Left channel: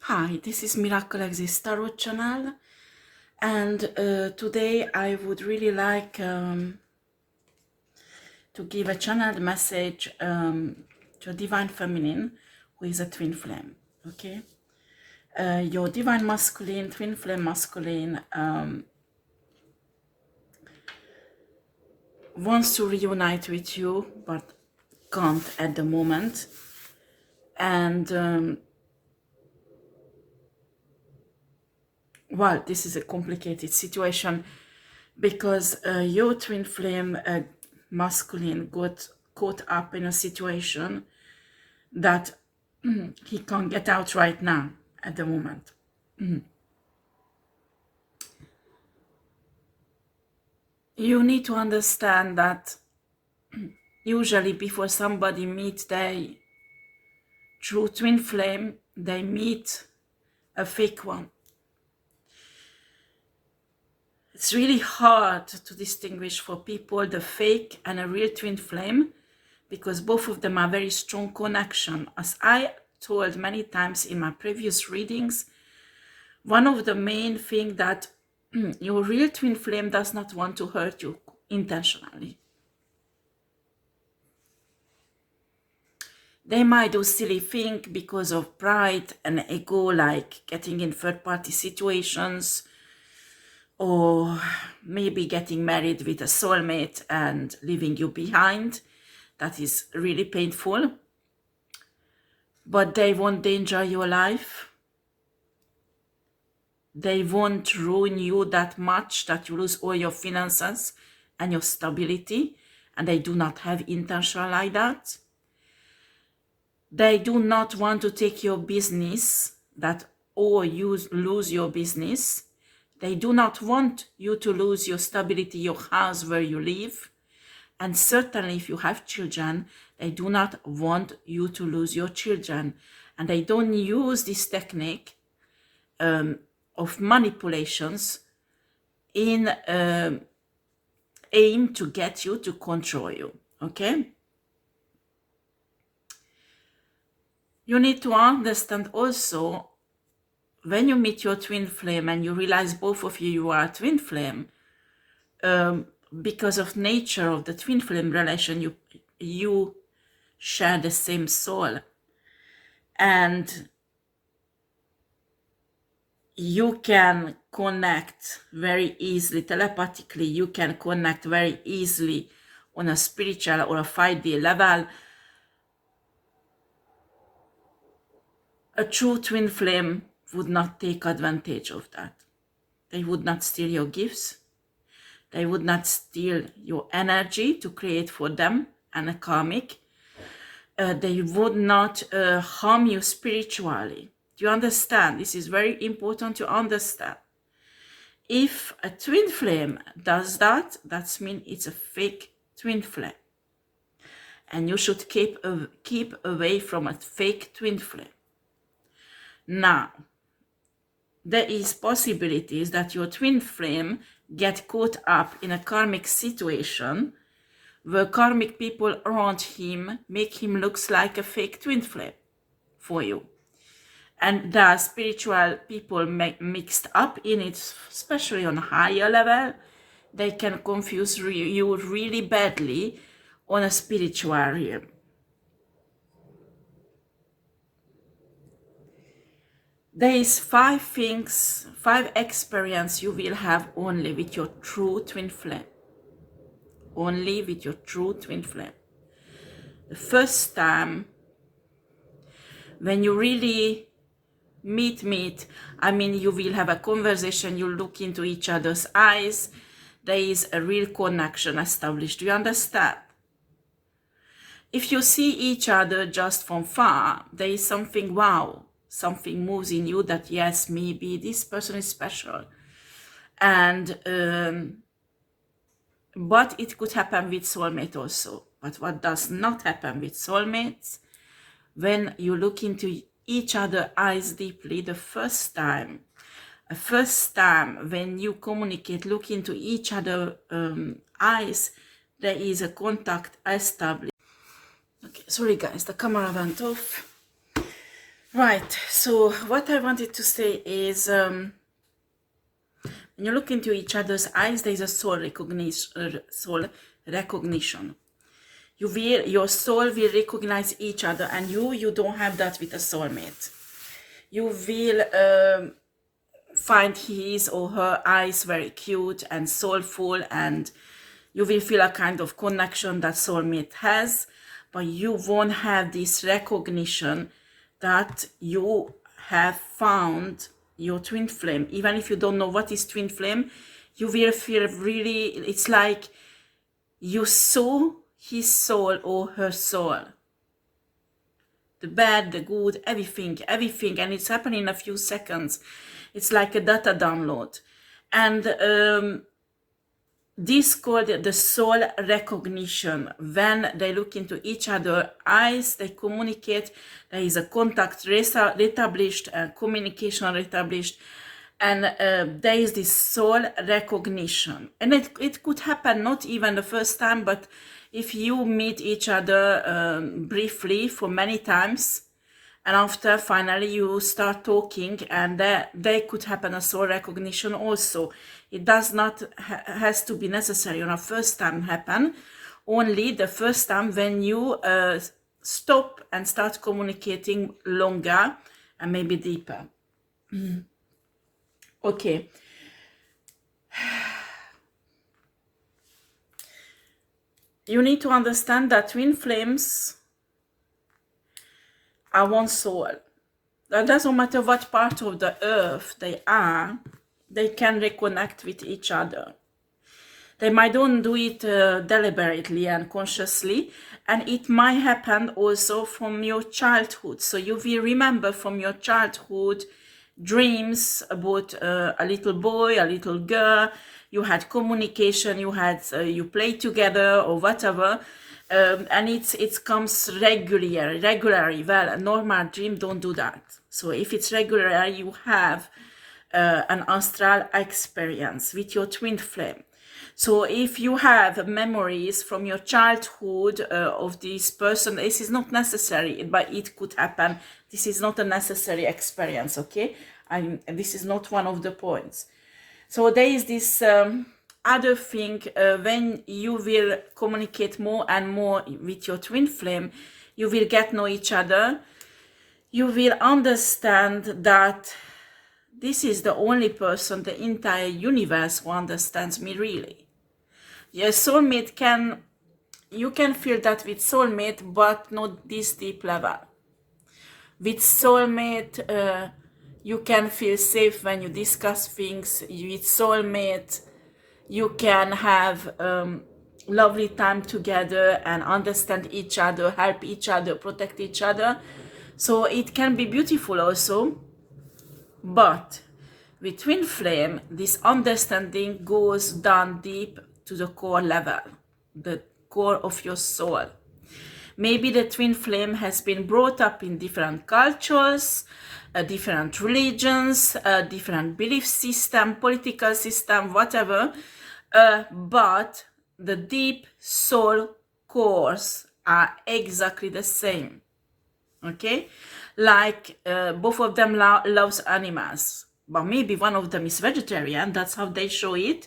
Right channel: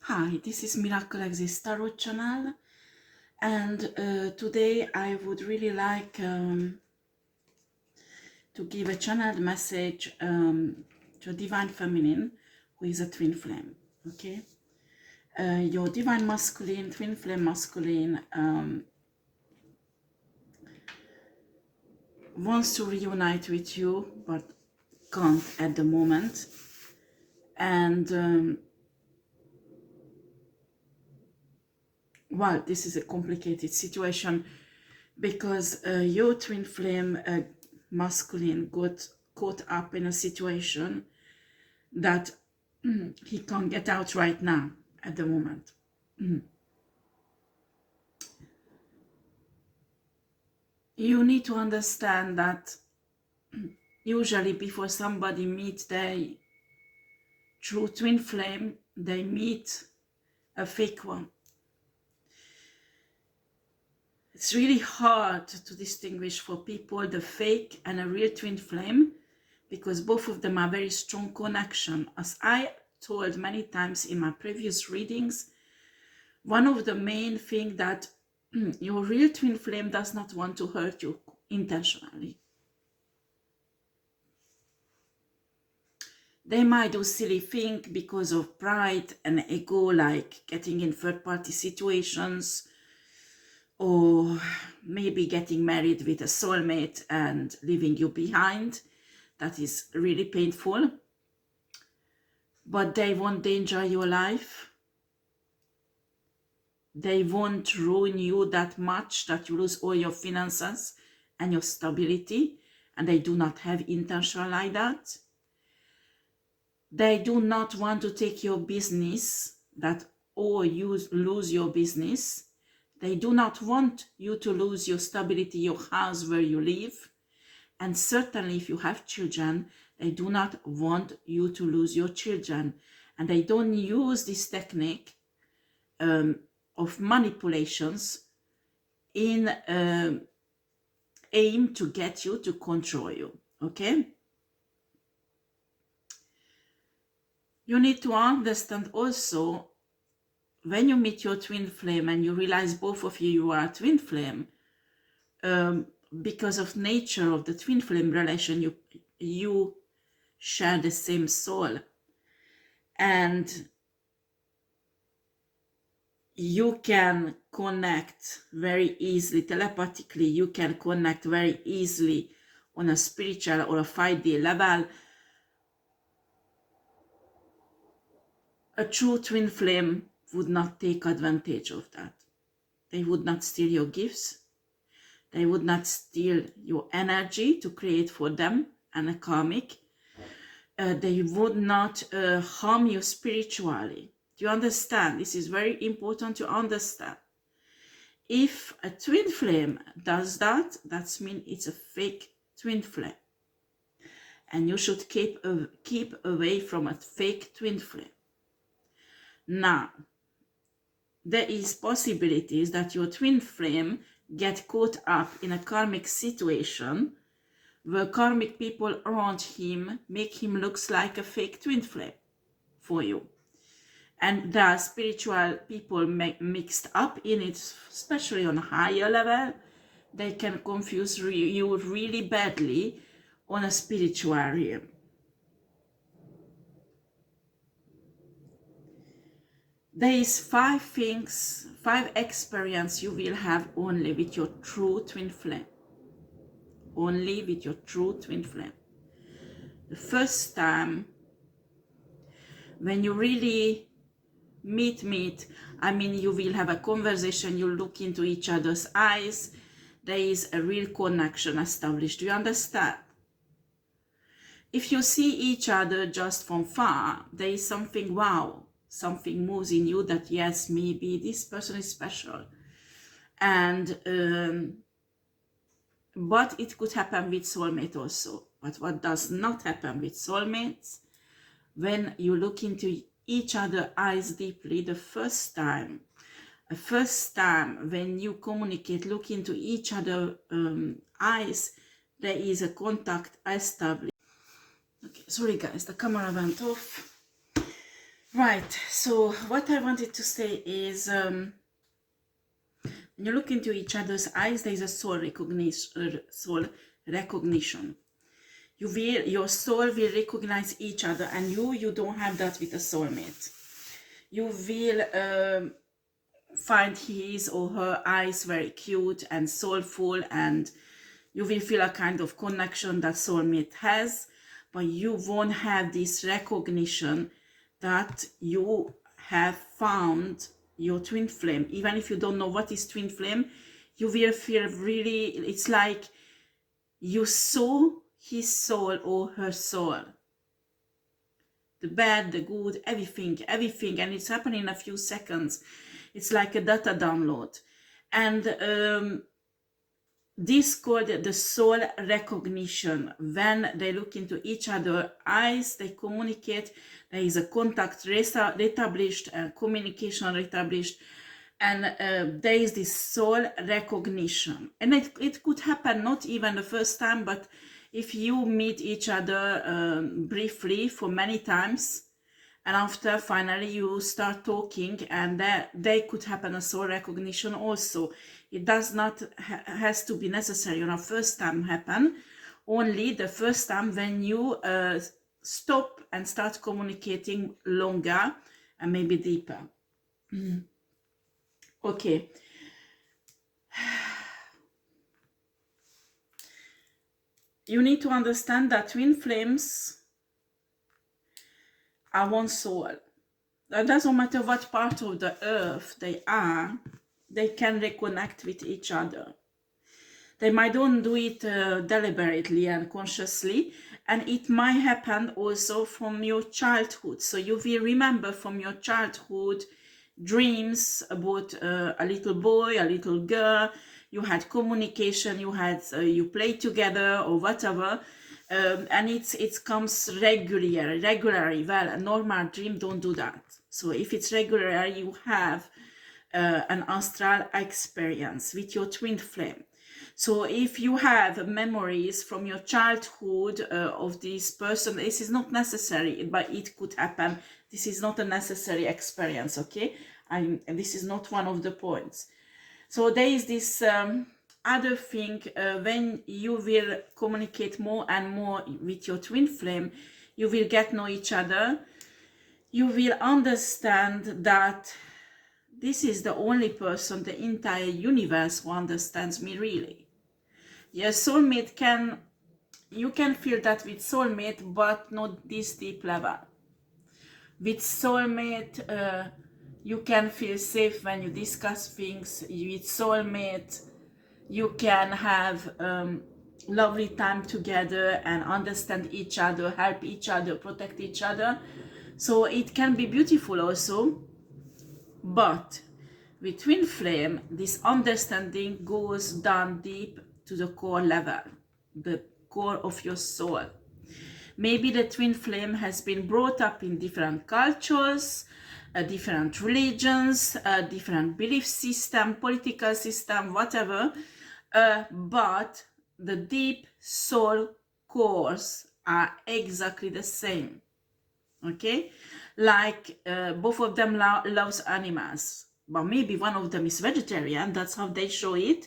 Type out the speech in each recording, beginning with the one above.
Hi, this is MiracleXistetarot channel, and today I would really like to give a channeled message to a Divine Feminine who is a twin flame, okay? Your Divine Masculine, twin flame masculine wants to reunite with you, but can't at the moment. And well, this is a complicated situation because your twin flame masculine got caught up in a situation that he can't get out right now at the moment. You need to understand that usually before somebody meets their true twin flame, they meet a fake one. It's really hard to distinguish for people the fake and a real twin flame because both of them are very strong connection. As I told many times in my previous readings, one of the main things that your real twin flame does not want to hurt you intentionally. They might do silly things because of pride and ego, like getting in third-party situations, or maybe getting married with a soulmate and leaving you behind. That is really painful. But they won't danger your life. They won't ruin you that much that you lose all your finances and your stability. And they do not have intention like that. They do not want to take your business, that or you lose your business. They do not want you to lose your stability, your house where you live. And certainly if you have children, they do not want you to lose your children. And they don't use this technique of manipulations in aim to get you to control you, okay? You need to understand also, when you meet your twin flame and you realize both of you are a twin flame, because of nature of the twin flame relation, you share the same soul, and you can connect very easily telepathically. You can connect very easily on a spiritual or a 5D level. A true twin flame would not take advantage of that. They would not steal your gifts. They would not steal your energy to create for them and a karmic. They would not harm you spiritually. Do you understand? This is very important to understand. If a twin flame does that, that means it's a fake twin flame. And you should keep away from a fake twin flame. Now, there is possibilities that your twin flame get caught up in a karmic situation where karmic people around him make him looks like a fake twin flame for you. And there are spiritual people mixed up in it, especially on a higher level. They can confuse you really badly on a spiritual realm. There is 5 things, 5 experiences you will have only with your true twin flame. Only with your true twin flame. The first time, when you really meet, I mean, you will have a conversation, you look into each other's eyes, there is a real connection established. Do you understand? If you see each other just from far, there is something, wow, something moves in you that, yes, maybe this person is special. And but it could happen with soulmate also. But what does not happen with soulmates, when you look into each other's eyes deeply the first time when you communicate, look into each other's eyes, there is a contact established. Okay, sorry guys, the camera went off. Right, so what I wanted to say is, when you look into each other's eyes, there is a soul recognition. Your soul will recognize each other, and you don't have that with a soulmate. You will find his or her eyes very cute and soulful, and you will feel a kind of connection that soulmate has, but you won't have this recognition that you have found your twin flame. Even if you don't know what is twin flame, you will feel really, it's like you saw his soul or her soul. The bad, the good, everything, and it's happening in a few seconds. It's like a data download. And this called the soul recognition. When they look into each other's eyes, they communicate, there is a contact established, communication established, and there is this soul recognition. And it could happen not even the first time, but if you meet each other briefly for many times, and after finally you start talking, and there could happen a soul recognition also. It does not has to be necessary on a first time happen, only the first time when you stop and start communicating longer and maybe deeper. Okay. You need to understand that twin flames are one soul. That doesn't matter what part of the earth they are, they can reconnect with each other. They might don't do it deliberately and consciously, and it might happen also from your childhood. So you will remember from your childhood dreams about a little boy, a little girl. You had communication, you played together or whatever, and it comes regularly. Well, a normal dream don't do that. So if it's regular, you have an astral experience with your twin flame. So if you have memories from your childhood of this person, this is not necessary, but it could happen. This is not a necessary experience, okay? And this is not one of the points. So there is this other thing, when you will communicate more and more with your twin flame, you will get to know each other. You will understand that this is the only person, the entire universe, who understands me really. Your soulmate you can feel that with soulmate, but not this deep level. With soulmate, you can feel safe when you discuss things. With soulmate, you can have lovely time together and understand each other, help each other, protect each other. So it can be beautiful also. But with twin flame, this understanding goes down deep to the core level, the core of your soul. Maybe the twin flame has been brought up in different cultures, different religions, different belief system, political system, whatever, but the deep soul cores are exactly the same. Okay, like both of them loves animals, but maybe one of them is vegetarian. That's how they show it.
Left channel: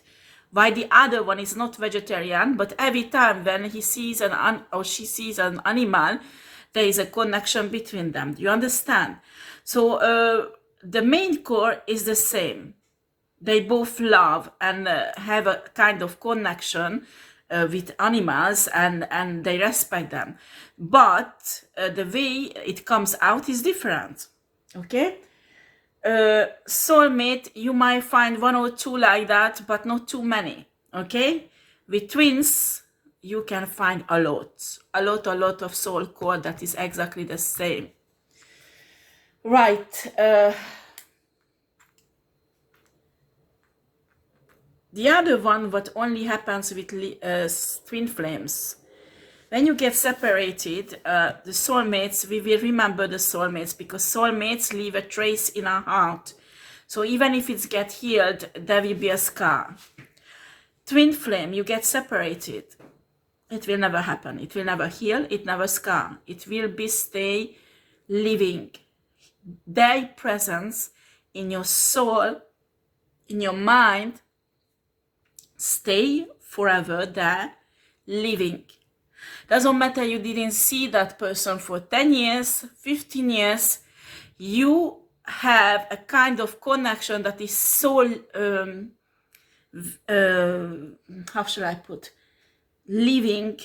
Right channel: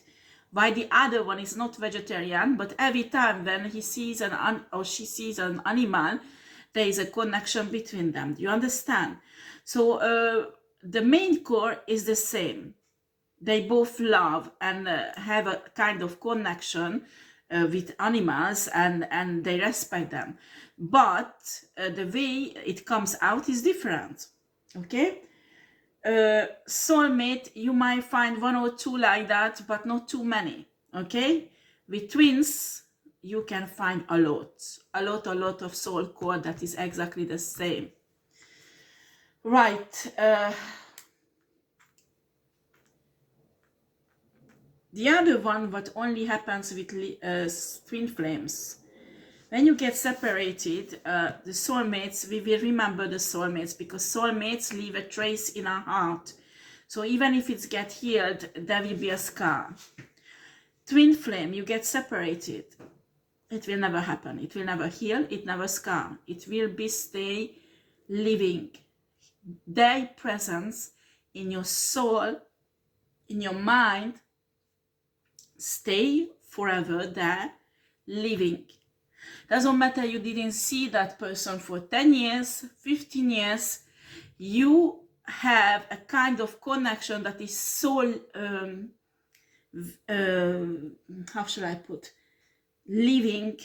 Why the other one is not vegetarian, but every time when he sees or she sees an animal, there is a connection between them. Do you understand? So the main core is the same. They both love and have a kind of connection with animals, and they respect them, but the way it comes out is different. Okay, soulmate, you might find one or two like that, but not too many. Okay, with twins you can find a lot of soul core that is exactly the same. Right. The other one, what only happens with twin flames, when you get separated, the soulmates, we will remember the soulmates, because soulmates leave a trace in our heart. So even if it gets healed, there will be a scar. Twin flame, you get separated, it will never happen. It will never heal, it never scar. It will be stay living their presence in your soul, in your mind, stay forever there, living. Doesn't matter you didn't see that person for 10 years, 15 years, you have a kind of connection that is so, how should I put, living,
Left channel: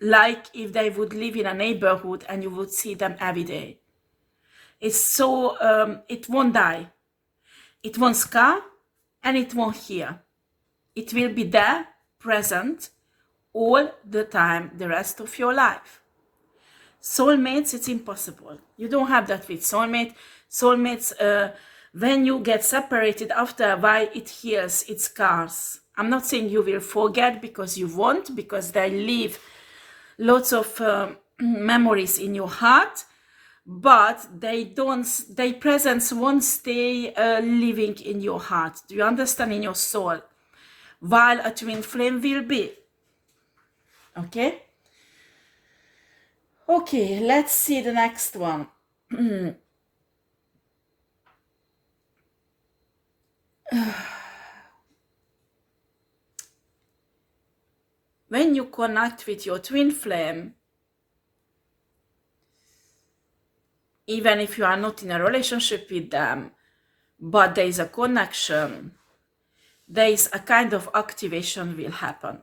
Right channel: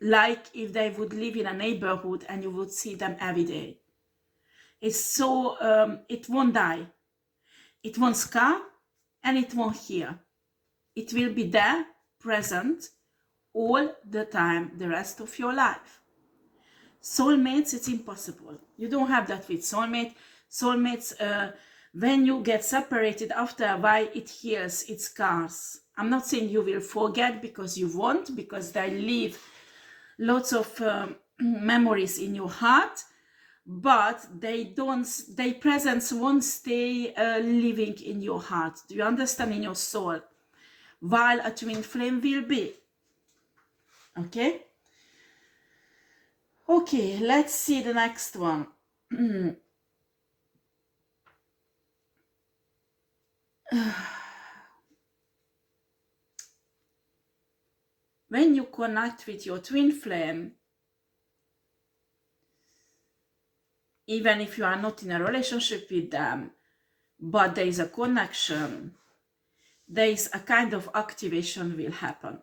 like if they would live in a neighborhood and you would see them every day. It's so, it won't die. It won't scar and it won't heal. It will be there, present, all the time, the rest of your life. Soulmates, it's impossible. You don't have that with soulmate. Soulmates, when you get separated after a while, it heals, it scars. I'm not saying you will forget, because you won't, because they leave lots of memories in your heart, but their presence won't stay living in your heart. Do you understand? In your soul, while a twin flame will be. Okay. Okay, let's see the next one. When you connect with your twin flame, even if you are not in a relationship with them, but there is a connection, there is a kind of activation will happen,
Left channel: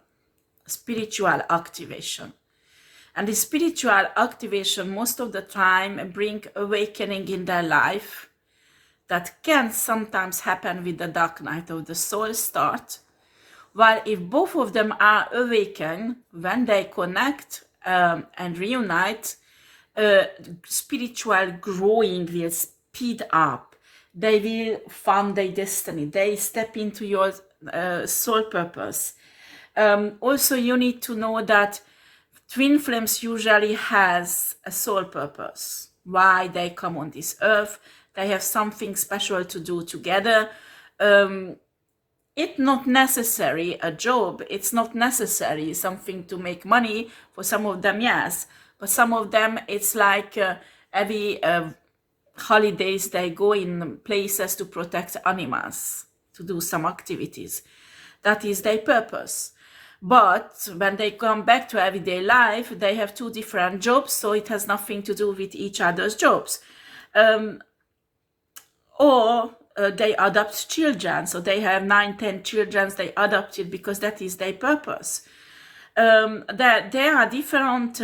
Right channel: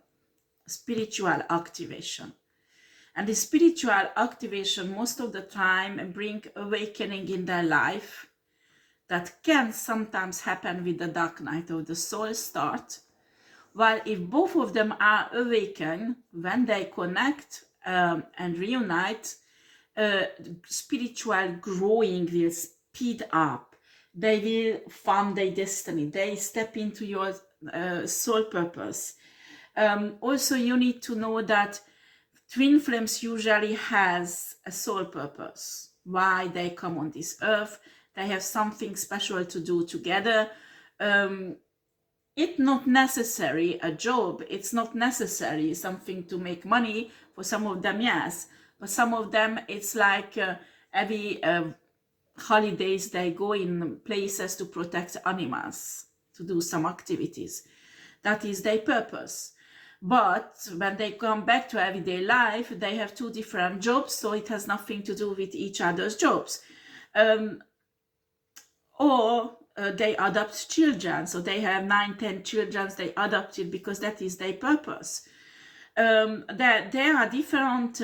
spiritual activation. And the spiritual activation most of the time bring awakening in their life. That can sometimes happen with the dark night of the soul start. While if both of them are awakened, when they connect and reunite, spiritual growing will speed up. They will find their destiny. They step into your soul purpose. Also, you need to know that twin flames usually has a soul purpose. Why they come on this earth. They have something special to do together. It's not necessary a job. It's not necessary something to make money. For some of them, yes. But some of them, it's like every holidays they go in places to protect animals, to do some activities. That is their purpose. But when they come back to everyday life, they have two different jobs, so it has nothing to do with each other's jobs. Or they adopt children, so they have 9-10 children they adopted because that is their purpose. There are different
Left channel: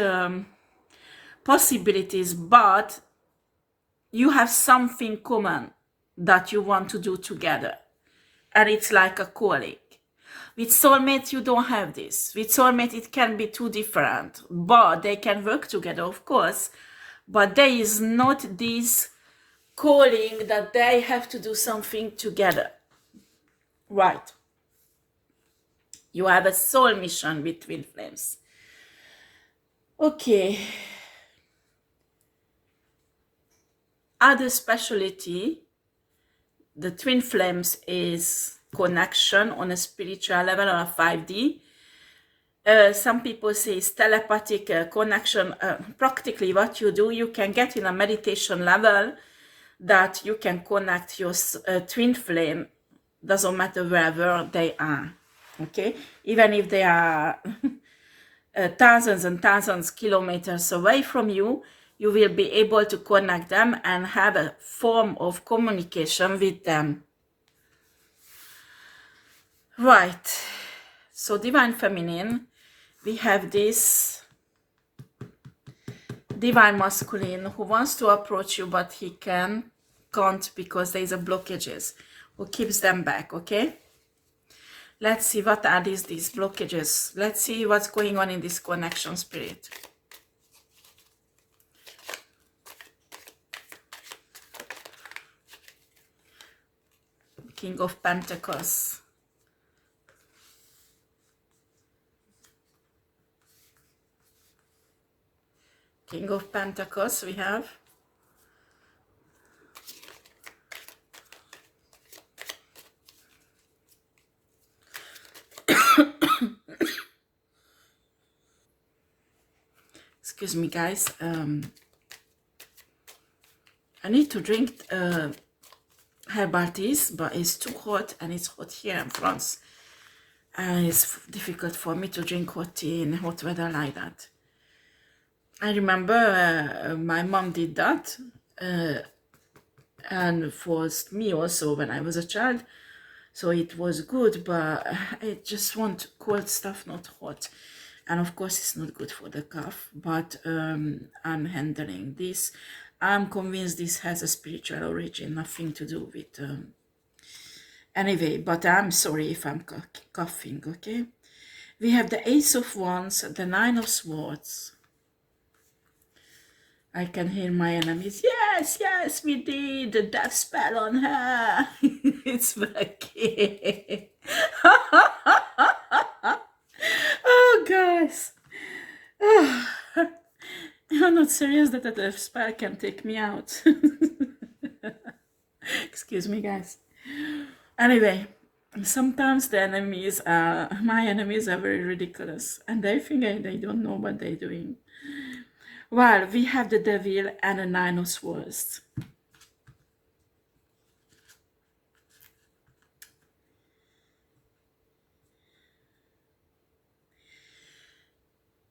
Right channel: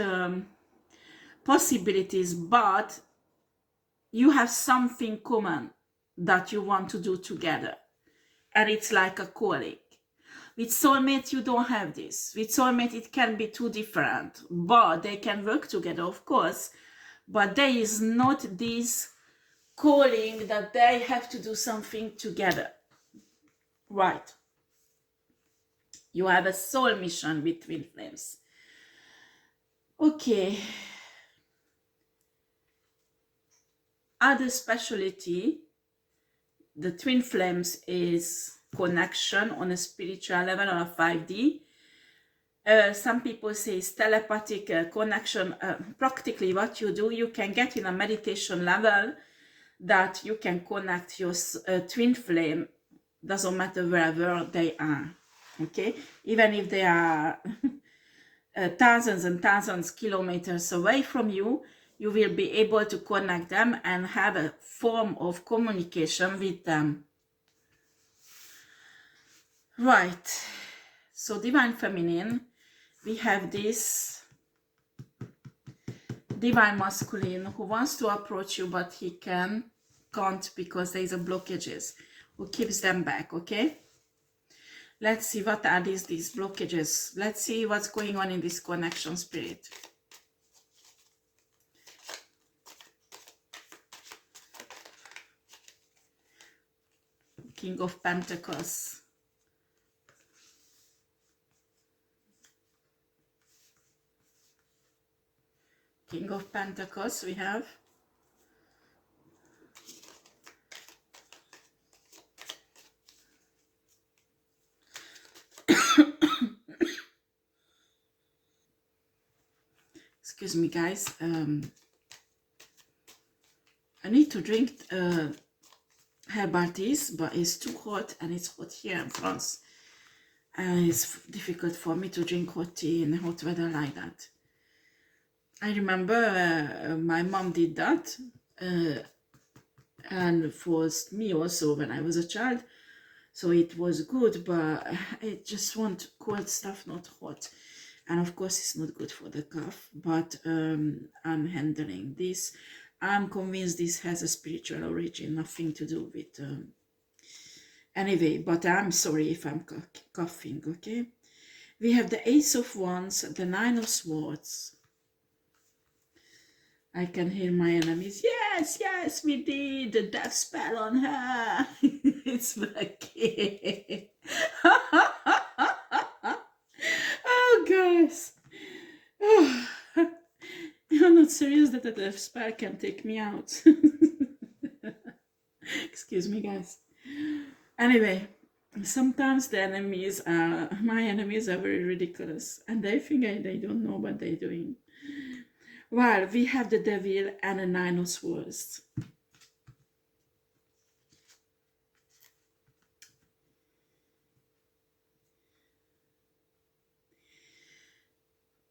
possibilities, but you have something common that you want to do together, and it's like a calling. With soulmate, you don't have this. With soulmate, it can be two different, but they can work together, of course. But there is not this calling that they have to do something together. Right. You have a soul mission with twin flames. Okay. Other specialty, the twin flames is connection on a spiritual level, on a 5D. Some people say it's telepathic connection. Practically what you do, you can get in a meditation level that you can connect your twin flame, doesn't matter wherever they are, okay? Even if they are thousands and thousands kilometers away from you, you will be able to connect them and have a form of communication with them. Right, so Divine Feminine, we have this Divine Masculine who wants to approach you, but he can't because there is a blockages who keeps them back, okay? Let's see what are these blockages. Let's see what's going on in this connection, spirit. King of Pentacles. King of Pentacles we have. Excuse me, guys. I need to drink herbal teas, but it's too hot, and it's hot here in France. And it's difficult for me to drink hot tea in hot weather like that. I remember my mom did that, and for me also when I was a child. So it was good, but I just want cold stuff, not hot. And of course it's not good for the cough, but I'm handling this. I'm convinced this has a spiritual origin, nothing to do with... Anyway, but I'm sorry if I'm coughing, okay? We have the Ace of Wands, the Nine of Swords. I can hear my enemies. Yes, yes, we did the death spell on her. It's Becky. Oh, guys. Oh. I'm not serious that a death spell can take me out. Excuse me, guys. Anyway, sometimes the enemies, my enemies are very ridiculous. And they think they don't know what they're doing. Well, we have the Devil and a Nine of Swords.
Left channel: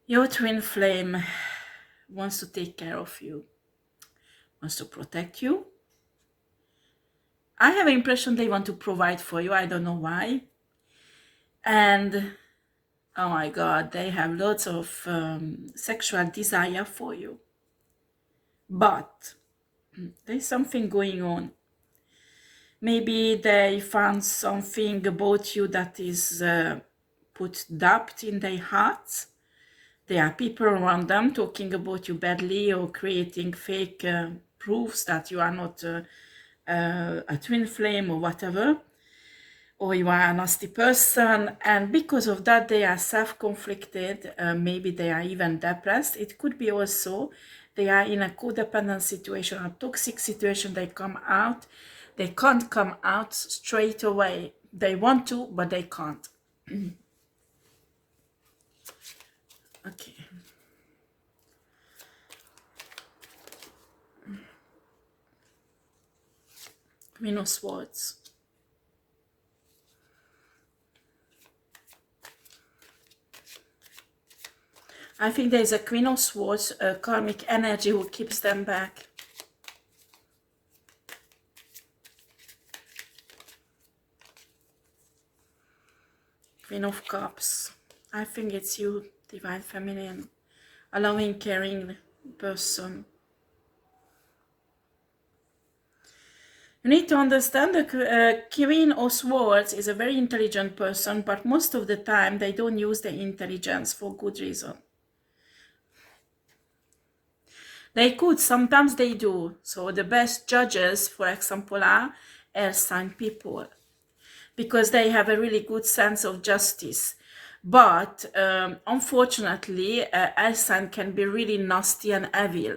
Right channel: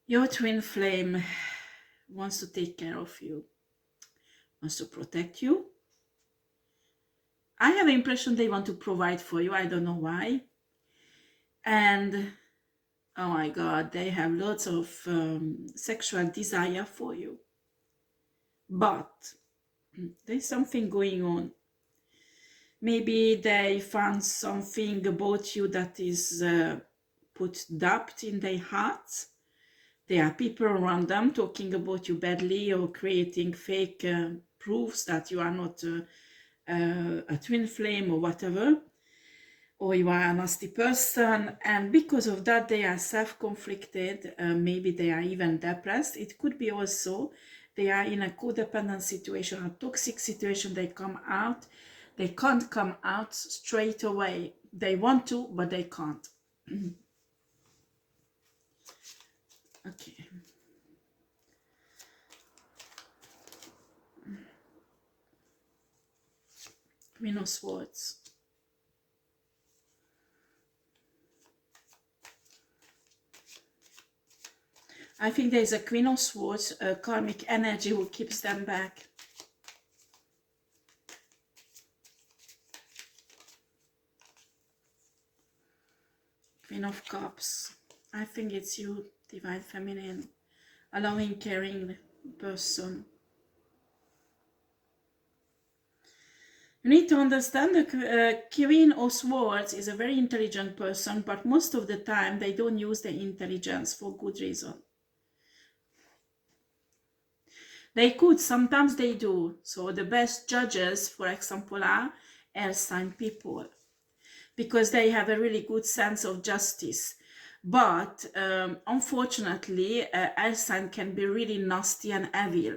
Your twin flame wants to take care of you, wants to protect you. I have an impression they want to provide for you. I don't know why. And, oh my God, they have lots of sexual desire for you. But there's something going on. Maybe they found something about you that is put doubt in their hearts. There are people around them talking about you badly or creating fake proofs that you are not a twin flame or whatever, or you are a nasty person, and because of that they are self-conflicted. Maybe they are even depressed. It could be also they are in a codependent situation, a toxic situation. They can't come out straight away. They want to, but they can't. Okay. Queen of Swords. I think there is a Queen of Swords, karmic energy who keeps them back. Queen of Cups. I think it's you, Divine Feminine, a loving, caring person. You need to understand the Queen of Swords is a very intelligent person, but most of the time they don't use their intelligence for good reason. They could, sometimes they do. So the best judges, for example, are air sign people, because they have a really good sense of justice. But unfortunately, air sign can be really nasty and evil,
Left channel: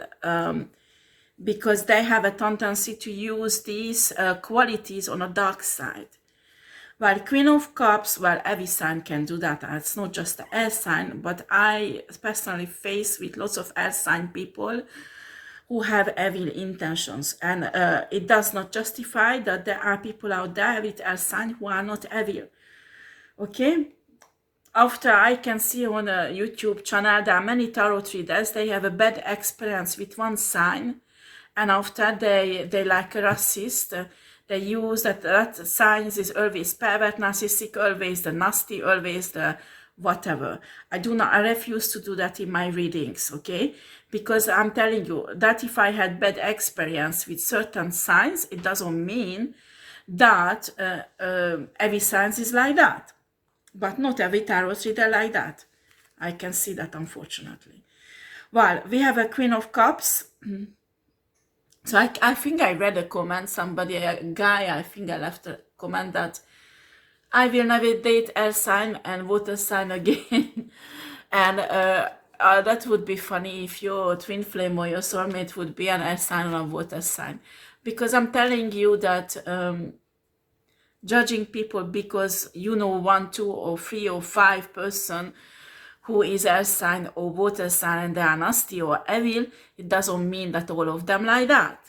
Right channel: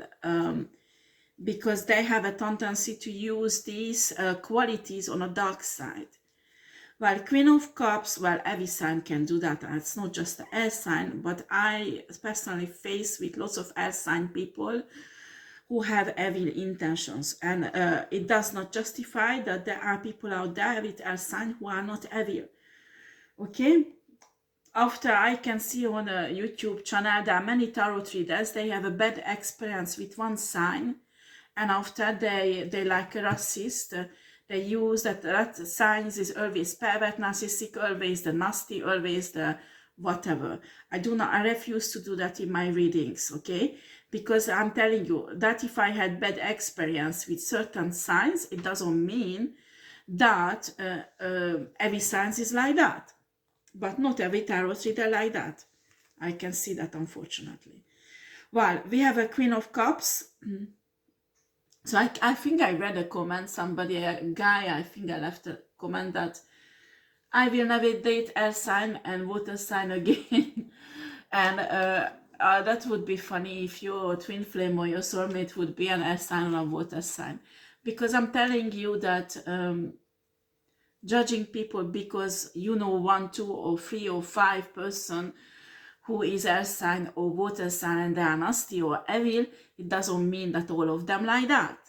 because they have a tendency to use these qualities on a dark side. Well, Queen of Cups, well, every sign can do that. It's not just the air sign, but I personally face with lots of air sign people who have evil intentions. And it does not justify that there are people out there with air sign who are not evil. Okay? After I can see on a YouTube channel, there are many tarot readers, they have a bad experience with one sign, and after they like a racist, they use that signs is always pervert, narcissistic, always the nasty, always the whatever. I refuse to do that in my readings, okay? Because I'm telling you that if I had bad experience with certain signs, it doesn't mean that every sign is like that. But not every tarot reader like that. I can see that, unfortunately. Well, we have a Queen of Cups. So I think I read a comment, somebody, a guy, I think I left a comment that I will never date air sign and water sign again. And that would be funny if your twin flame or your soulmate would be an air sign or a water sign. Because I'm telling you that judging people because you know 1, 2, or 3 or 5 person who is air sign or water sign and they are nasty or evil, it doesn't mean that all of them like that.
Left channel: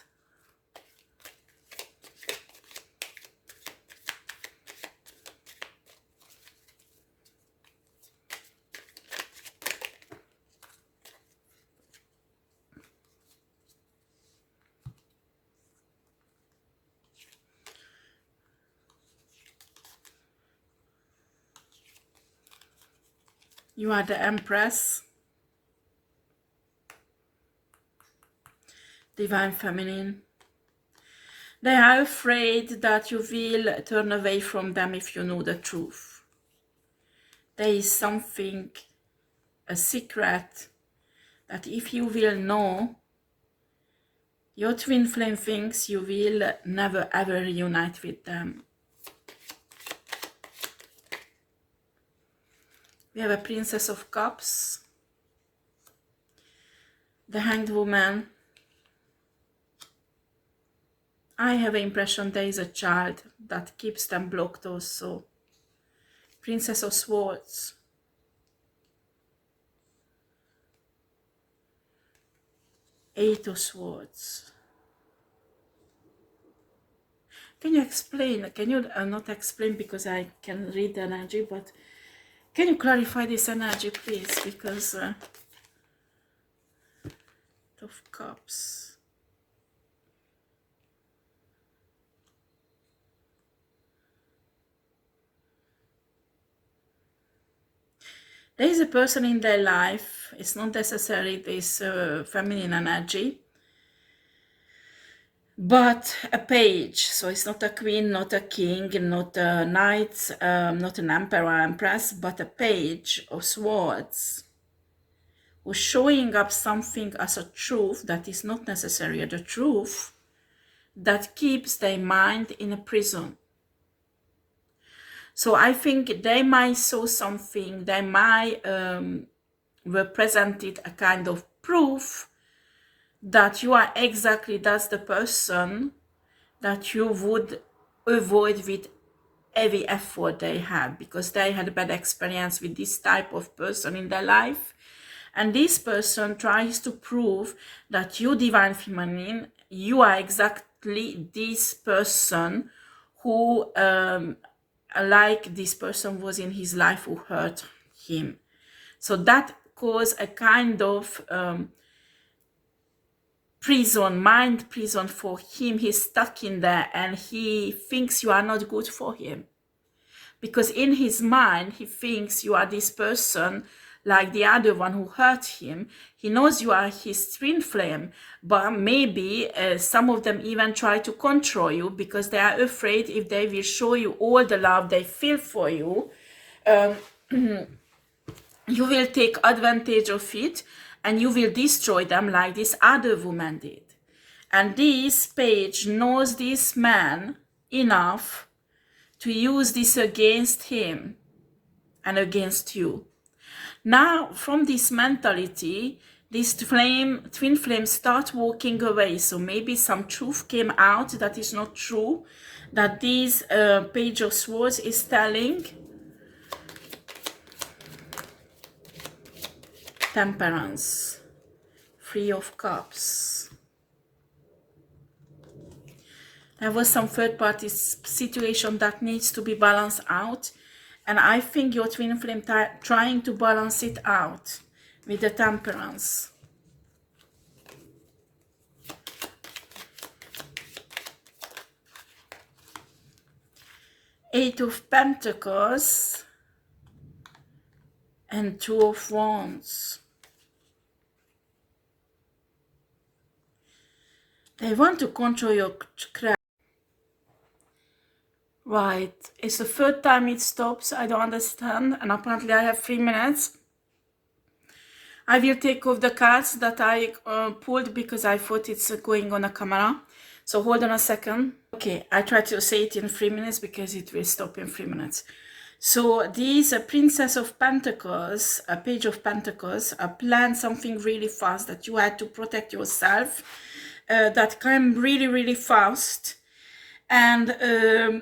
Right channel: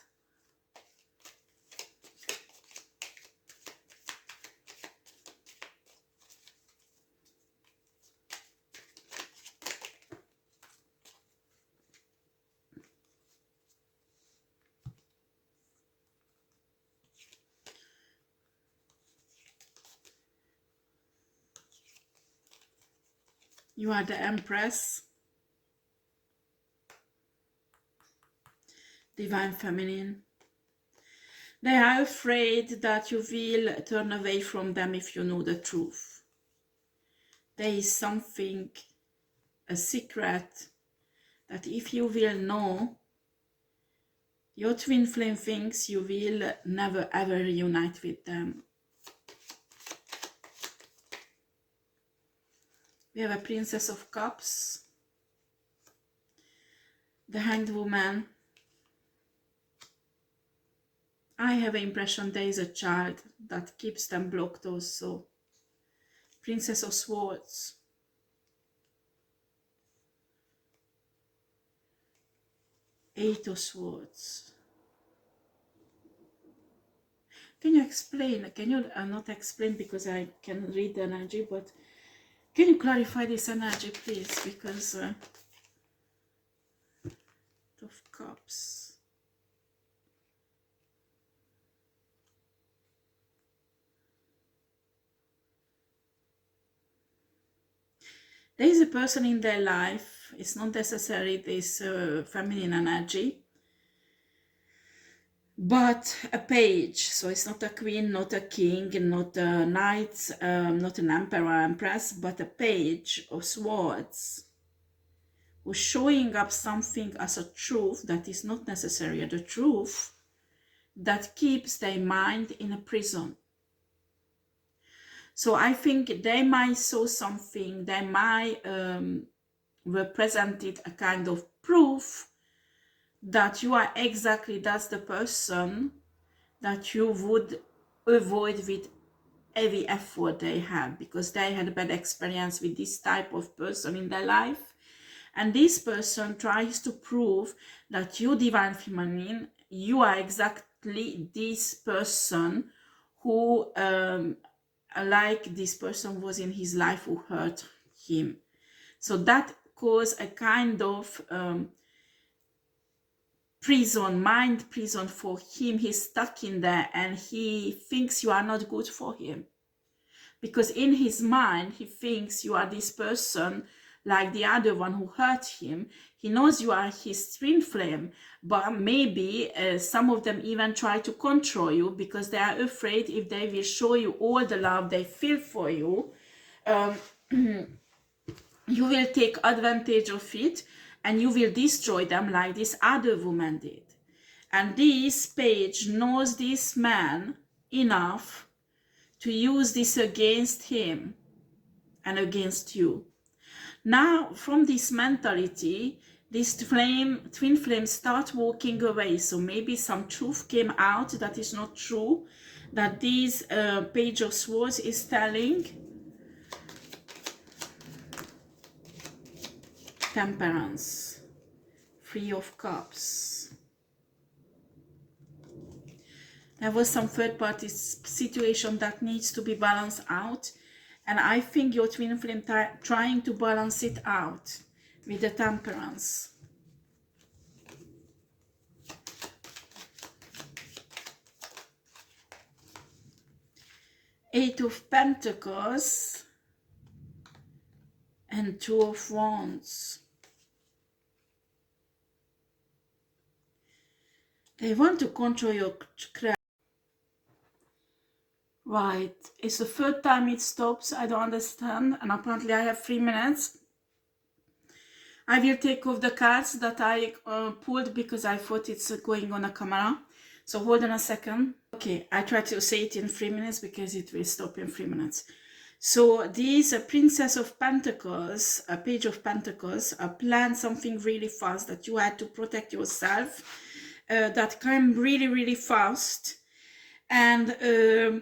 You are the Empress, Divine Feminine. They are afraid that you will turn away from them if you know the truth. There is something, a secret, that if you will know, your twin flame thinks you will never ever reunite with them. We have a Princess of Cups, the Hanged Woman. I have the impression there is a child that keeps them blocked also. Princess of Swords. Eight of Swords. Can you explain? Can you not explain because I can read the energy, but can you clarify this energy, please? Because of Cups. There is a person in their life. It's not necessarily this feminine energy, but a page. So it's not a queen, not a king, not a knight, not an emperor or empress, but a page of swords who's showing up something as a truth that is not necessarily the truth, that keeps their mind in a prison. So I think they might saw something, they might represented a kind of proof that you are exactly, that's the person that you would avoid with every effort they had, because they had a bad experience with this type of person in their life. And this person tries to prove that you, Divine Feminine, you are exactly this person who, like this person was in his life who hurt him. So that caused a kind of prison, mind prison for him. He's stuck in there and he thinks you are not good for him. Because in his mind, he thinks you are this person like the other one who hurt him. He knows you are his twin flame, but maybe some of them even try to control you because they are afraid if they will show you all the love they feel for you, you will take advantage of it and you will destroy them like this other woman did. And this page knows this man enough to use this against him and against you. Now, from this mentality, this twin flames start walking away. So maybe some truth came out that is not true, that this page of swords is telling. Temperance, Three of Cups. There was some third-party situation that needs to be balanced out, and I think your twin flame trying to balance it out with the Temperance. Eight of Pentacles and Two of Wands. They want to control your crap. Right, it's the third time it stops. I don't understand, and apparently I have 3 minutes. I will take off the cards that I pulled because I thought it's going on a camera. So hold on a second. Okay, I try to say it in 3 minutes because it will stop in 3 minutes. So this Princess of Pentacles, a Page of Pentacles, planned something really fast that you had to protect yourself. That came really, really fast. And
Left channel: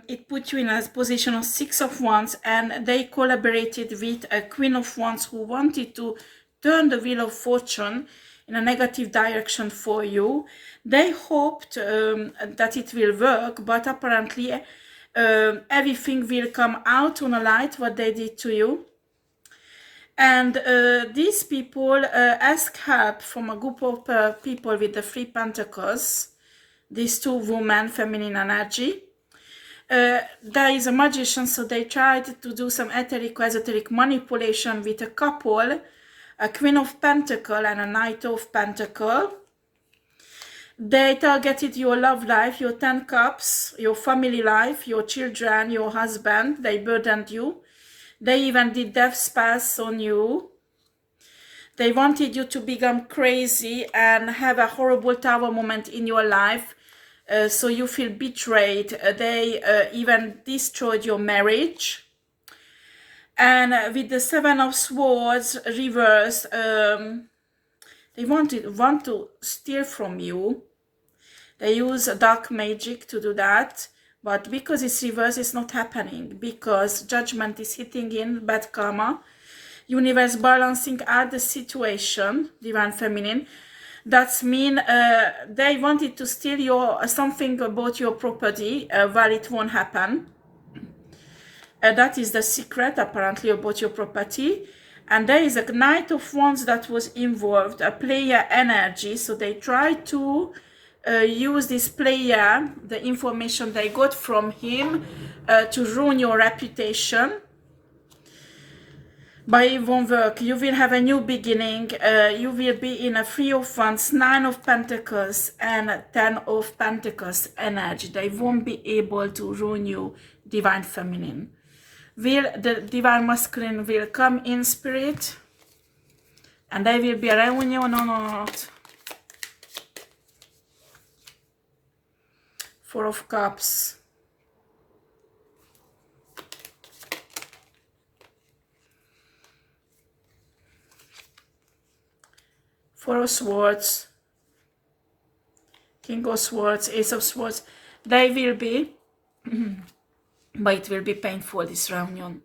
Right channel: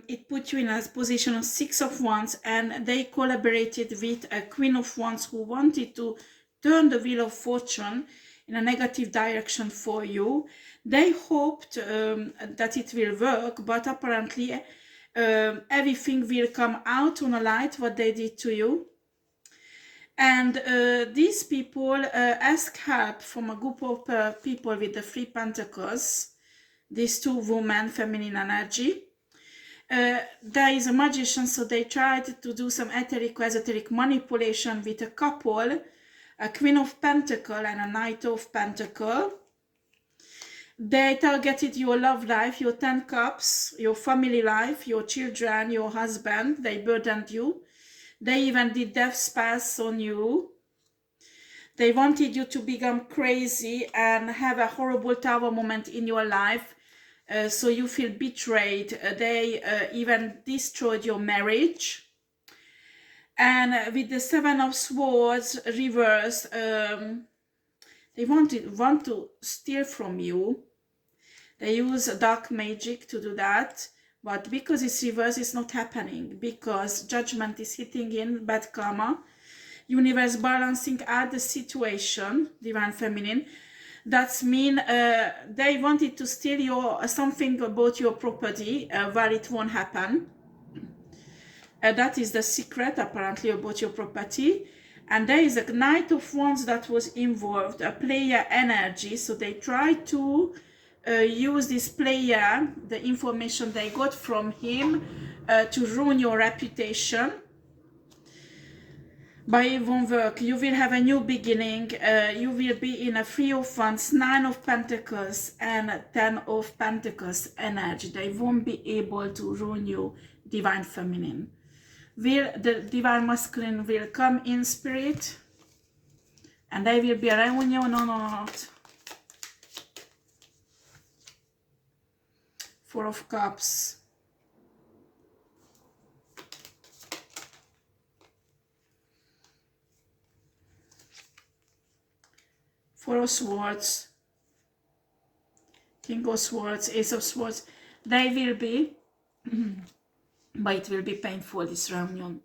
it put you in a position of Six of Wands, and they collaborated with a Queen of Wands who wanted to turn the wheel of fortune in a negative direction for you. They hoped that it will work, but apparently everything will come out on a light what they did to you. And these people ask help from a group of people with the Three Pentacles, these two women, feminine energy. There is a magician, so they tried to do some esoteric manipulation with a couple, a Queen of Pentacle and a Knight of Pentacle. They targeted your love life, your 10 cups, your family life, your children, your husband. They burdened you. They even did death spells on you. They wanted you to become crazy and have a horrible tower moment in your life, so you feel betrayed. They even destroyed your marriage. And with the Seven of Swords reversed, they want to steal from you. They use dark magic to do that, but because it's reversed, it's not happening, because judgment is hitting in, bad karma, universe balancing out the situation, divine feminine. That's mean they wanted to steal your something about your property, where it won't happen. That is the secret, apparently, about your property. And there is a Knight of Wands that was involved, a player energy. So they try to use this player, the information they got from him, to ruin your reputation. But it won't work. You will have a new beginning. You will be in a Three of Wands, Nine of Pentacles, and 10 of Pentacles energy. They won't be able to ruin you, divine feminine. The divine masculine will come in spirit, and there will be a reunion on earth. Four of Cups. Four of Swords. King of Swords, Ace of Swords. They will be, but it will be painful, this reunion.